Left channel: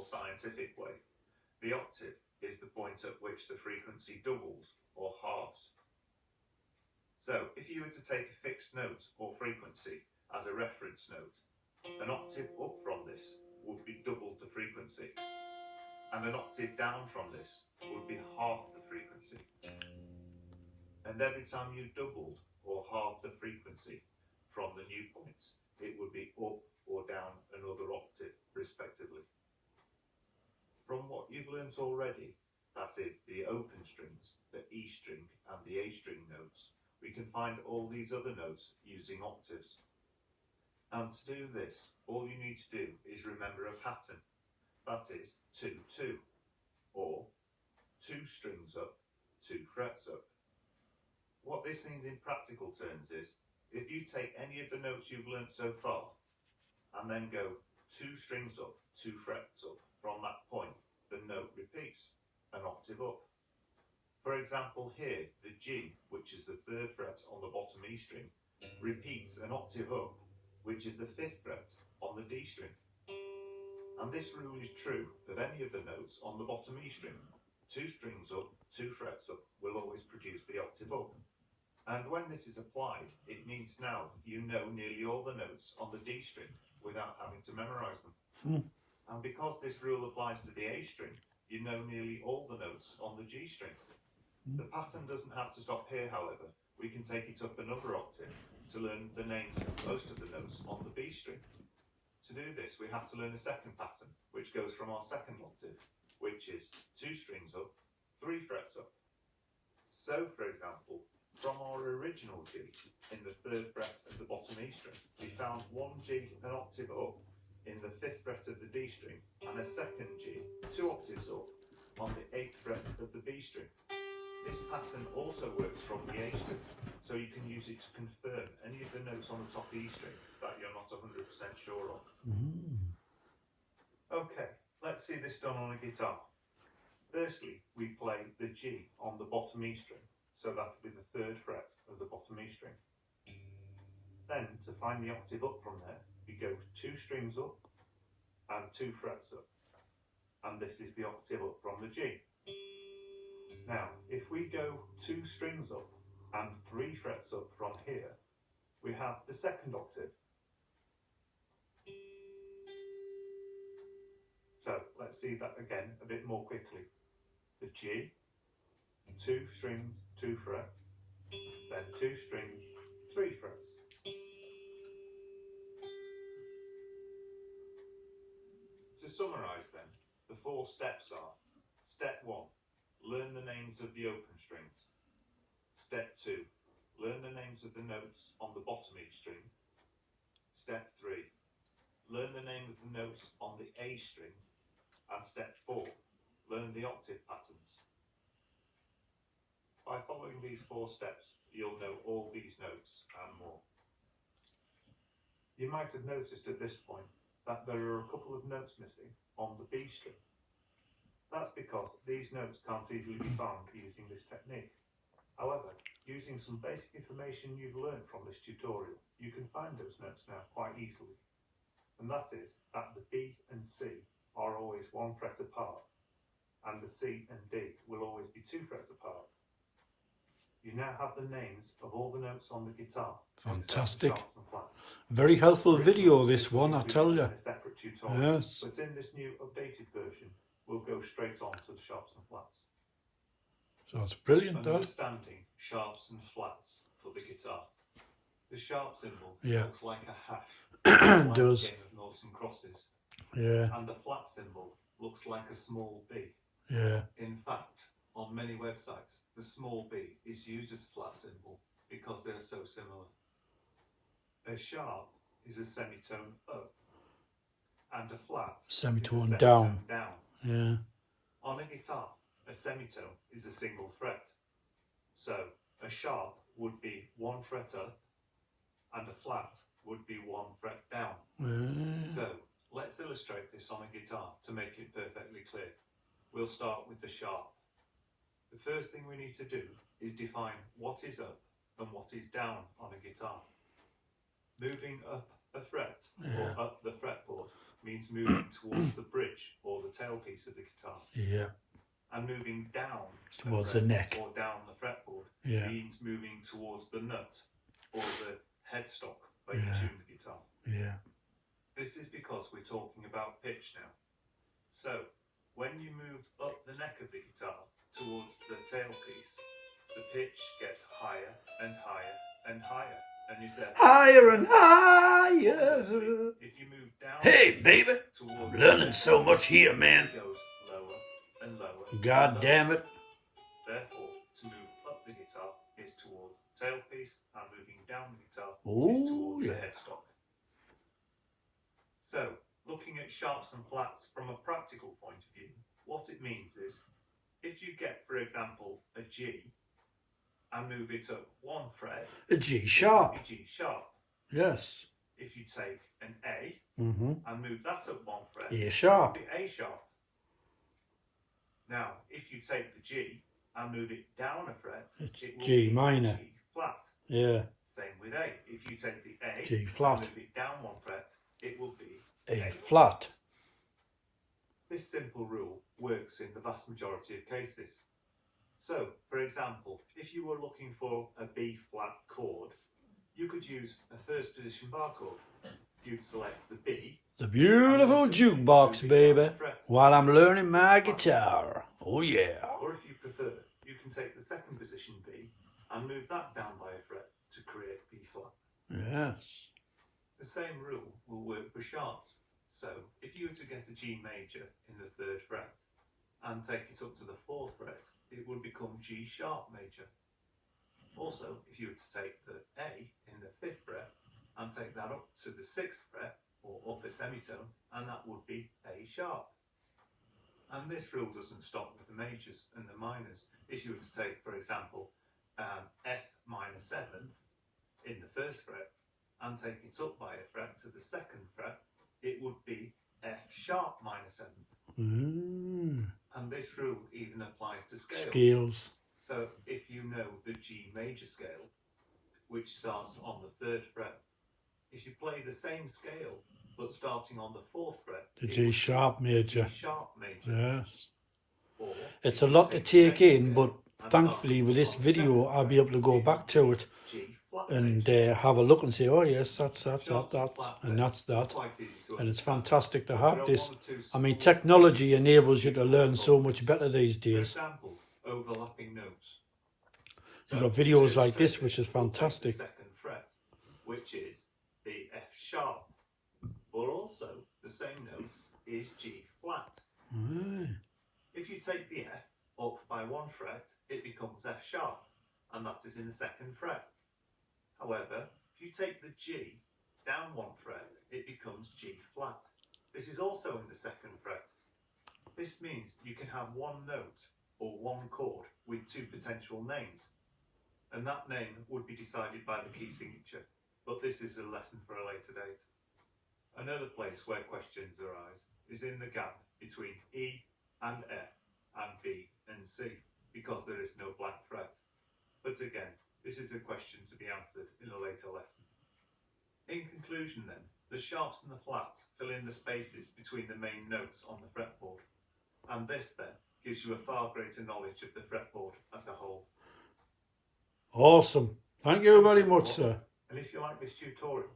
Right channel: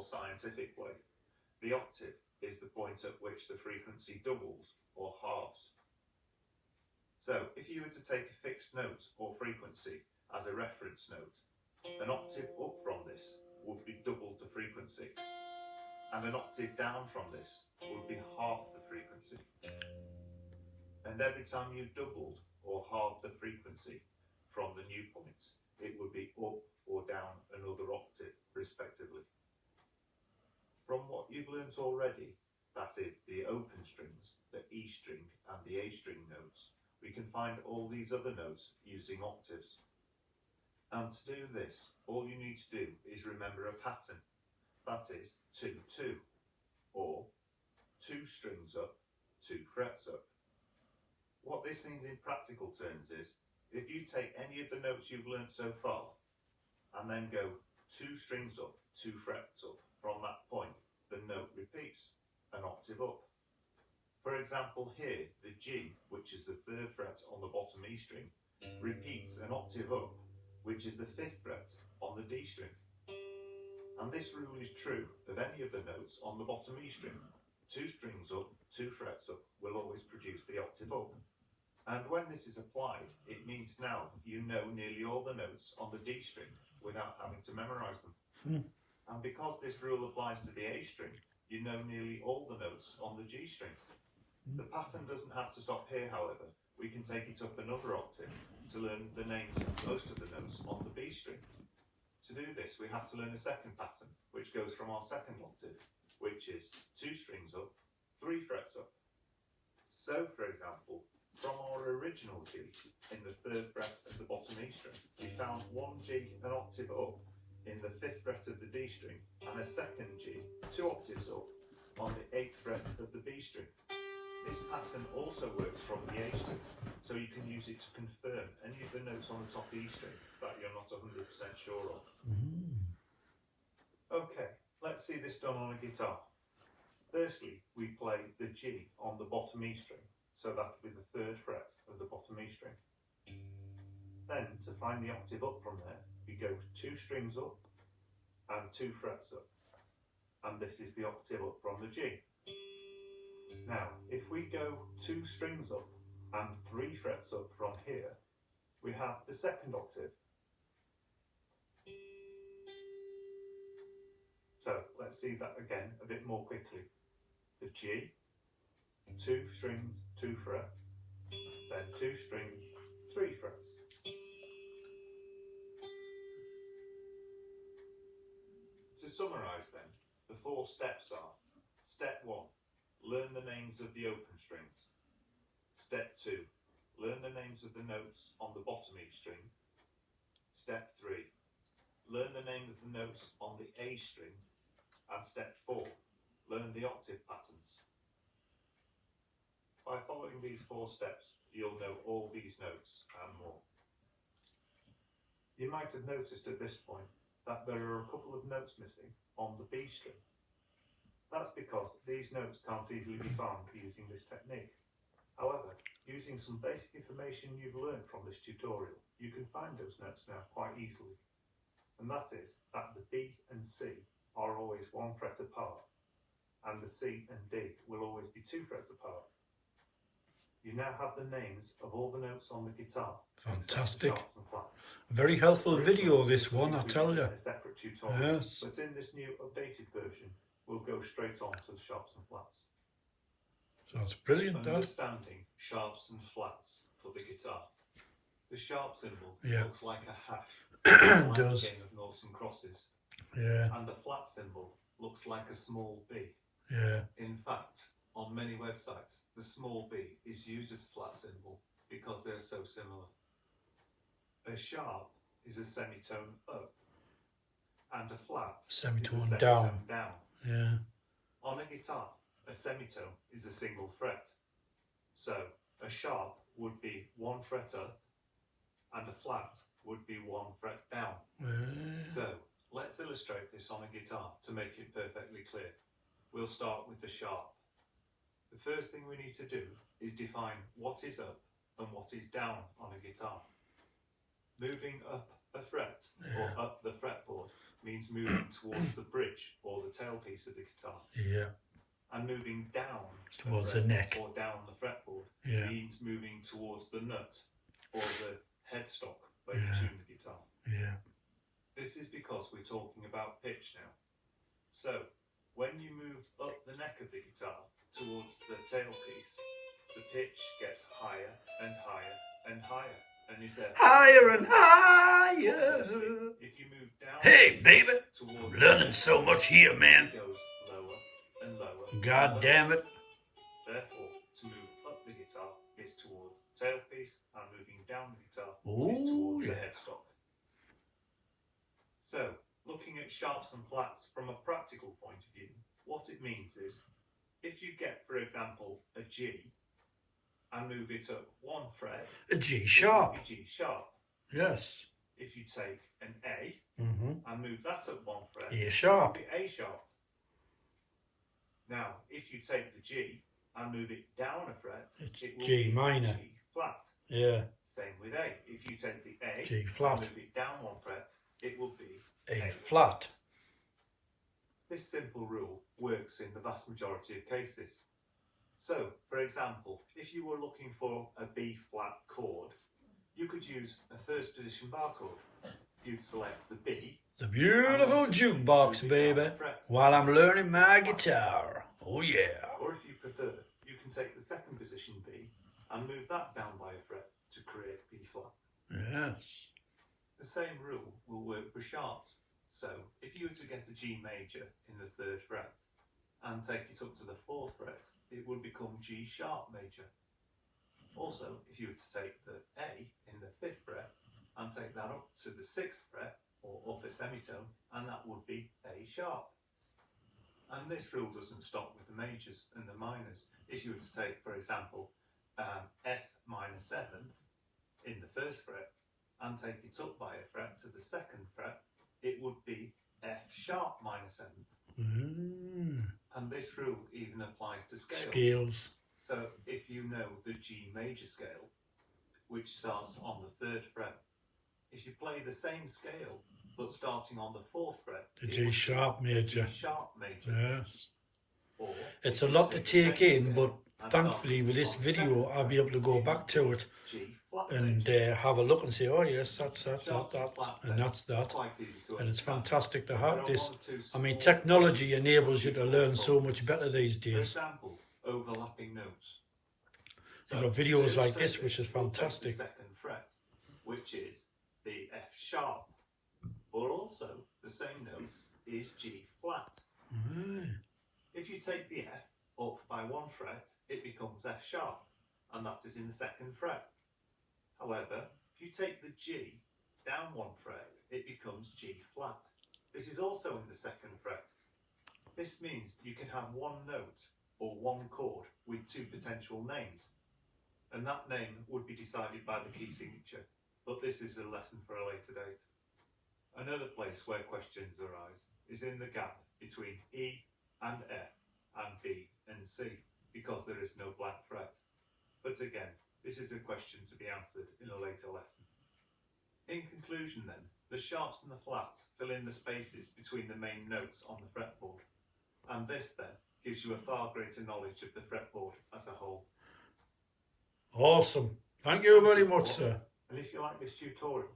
or scientific way, the octave is the point at which the frequency doubles or halves. So if you were to take a fixed note or frequency as a reference note, an octave up from this would be double the frequency, and an octave down from this would be half the frequency. And every time you doubled or halved the frequency from the new points, it would be up or down another octave, respectively. From what you've learnt already, that is, the open strings, the E string and the A string notes, we can find all these other notes using octaves. And to do this, all you need to do is remember a pattern, that is 2-2, or 2 strings up, 2 frets up. What this means in practical terms is, if you take any of the notes you've learnt so far, and then go 2 strings up, 2 frets up, from that point, the note repeats an octave up. For example here, the G, which is the 3rd fret on the bottom E string, repeats an octave up, which is the 5th fret on the D string. And this rule is true of any of the notes on the bottom E string. 2 strings up, 2 frets up will always produce the octave up. And when this is applied, it means now you know nearly all the notes on the D string without having to memorise them. And because this rule applies to the A string, you know nearly all the notes on the G string. The pattern doesn't have to stop here, however. We can take it up another octave to learn the names of most of the notes on the B string. To do this, we have to learn a second pattern, which goes from our second octave, which is 2 strings up, 3 frets up. So, for example, from our original G in the 3rd fret of the bottom E string, we found one G an octave up in the 5th fret of the D string, and a second G 2 octaves up on the 8th fret of the B string. This pattern also works from the A string, so you can use it to confirm any of the notes on the top E string that you're not 100% sure of. Okay, let's see this done on a guitar. Firstly, we play the G on the bottom E string, so that will be the 3rd fret of the bottom E string. Then, to find the octave up from there, we go 2 strings up and 2 frets up, and this is the octave up from the G. Now, if we go 2 strings up and 3 frets up from here, we have the second octave. So, let's see that again a bit more quickly. The G, 2 strings, 2 frets, then 2 strings, 3 frets. To summarise then, the 4 steps are: Step 1, learn the names of the open strings. Step 2, learn the names of the notes on the bottom E string. Step 3, learn the name of the notes on the A string. And step 4, learn the octave patterns. By following these 4 steps, you'll know all these notes and more. You might have noticed at this point that there are a couple of notes missing on the B string. That's because these notes can't easily be found using this technique. However, using some basic information you've learned from this tutorial, you can find those notes now quite easily. And that is that the B and C are always 1 fret apart, and the C and D will always be 2 frets apart. You now have the names of all the notes on the guitar. Fantastic. Very helpful video, this one, I tell you. A separate tutorial, yes. But in this new updated version, we'll go straight on to the sharps and flats. So it's brilliant, Dad. Understanding sharps and flats for the guitar. The sharp symbol looks like a hash. It does. A game of noughts and crosses. Yeah. And the flat symbol looks like a small b. Yeah. In fact, on many websites, the small b is used as a flat symbol because they're so similar. A sharp is a semitone up, and a flat Semitone is a down. semitone down. Yeah. On a guitar, a semitone is a single fret. So a sharp would be 1 fret up, and a flat would be 1 fret down. Yeah. So let's illustrate this on a guitar to make it perfectly clear. We'll start with the sharp. The first thing we need to do is define what is up and what is down on a guitar. Moving up a fret or up the fretboard means moving towards the bridge or the the tailpiece of the guitar. Yeah. And moving down Towards fret the neck. or down the fretboard Yeah. means moving towards the nut or the headstock where Yeah. you tune the guitar. Yeah. This is because we're talking about pitch now. So, when you move up the neck of the guitar towards the tailpiece, the pitch gets higher and higher and higher, and is there Higher and higher. if you move down Hey, baby. towards Learning so much here, it man. goes lower and lower. and God lower. damn it. Therefore, to move up the guitar is towards the tailpiece, and moving down the guitar Ooh, is towards the yeah. headstock. So, looking at sharps and flats from a practical point of view, what it means is, if you get, for example, a G, and move it up one fret, A G it will sharp. be G sharp. Yes. If you take an A Mm-hmm. and move that up one fret, A it sharp. will be A sharp. Now, if you take the G and move it down a fret, It's it will G be minor. G flat. Yeah. Same with A. If you take the A G flat. and move it down one fret, it will be A flat. This simple rule works in the vast majority of cases. So, for example, if you were looking for a B flat chord, you could use a first position bar chord. You'd select the B. The beautiful and then jukebox, move it down baby. a fret. While I'm learning my guitar. Oh, yeah. Or if you prefer, you can take the second position B and move that down by a fret to create B flat. Yes. The same rule will work for sharps. So, if you were to get a G major in the 3rd fret and take it up to the 4th fret, it would become G sharp major. Also, if you were to take the A in the 5th fret and take that up to the 6th fret, or up a semitone, and that would be A sharp. And this rule doesn't stop with the majors and the minors. If you were to take, for example, F minor 7th in the 1st fret and take it up by a fret to the 2nd fret, it would be F sharp minor 7th. And this rule even applies to scales. Scales. So if you know the G major scale, which starts on the 3rd fret, if you play the same scale but starting on the 4th fret, The it G would sharp be major. G sharp major. Yes. Or It's if a you lot to the take same in, scale but and thankfully starting with this on the video 7th I'll be fret, able to go it back would to be it G flat and major. have a look and say, oh yes, that's Sharps that, flats and then that's are that. quite easy to And it's understand. fantastic to But have there are this. one or two I mean, small technology issues enables you we to call learn so problems. much better these For days. example, overlapping notes. You've got to videos like illustrate this, which is we'll take fantastic. the 2nd fret, which is the F sharp, but also the same note is G flat. Mm. If you take the F up by one fret, it becomes F sharp, and that is in the 2nd fret. However, if you take the G down one fret, it becomes G flat. This is also in the 2nd fret. This means you can have one note or one chord with two potential names, and that name would be decided by the key signature, but this is a lesson for a later date. Another place where questions arise is in the gap between E and F and B and C, because there is no blank fret. But again, this is a question to be answered in a later lesson. In conclusion then, the sharps and the flats fill in the spaces between the main notes on the fretboard, and this then gives you a far greater knowledge of the fretboard as a whole. Awesome. Thank you very much, sir. And if you like this tutorial,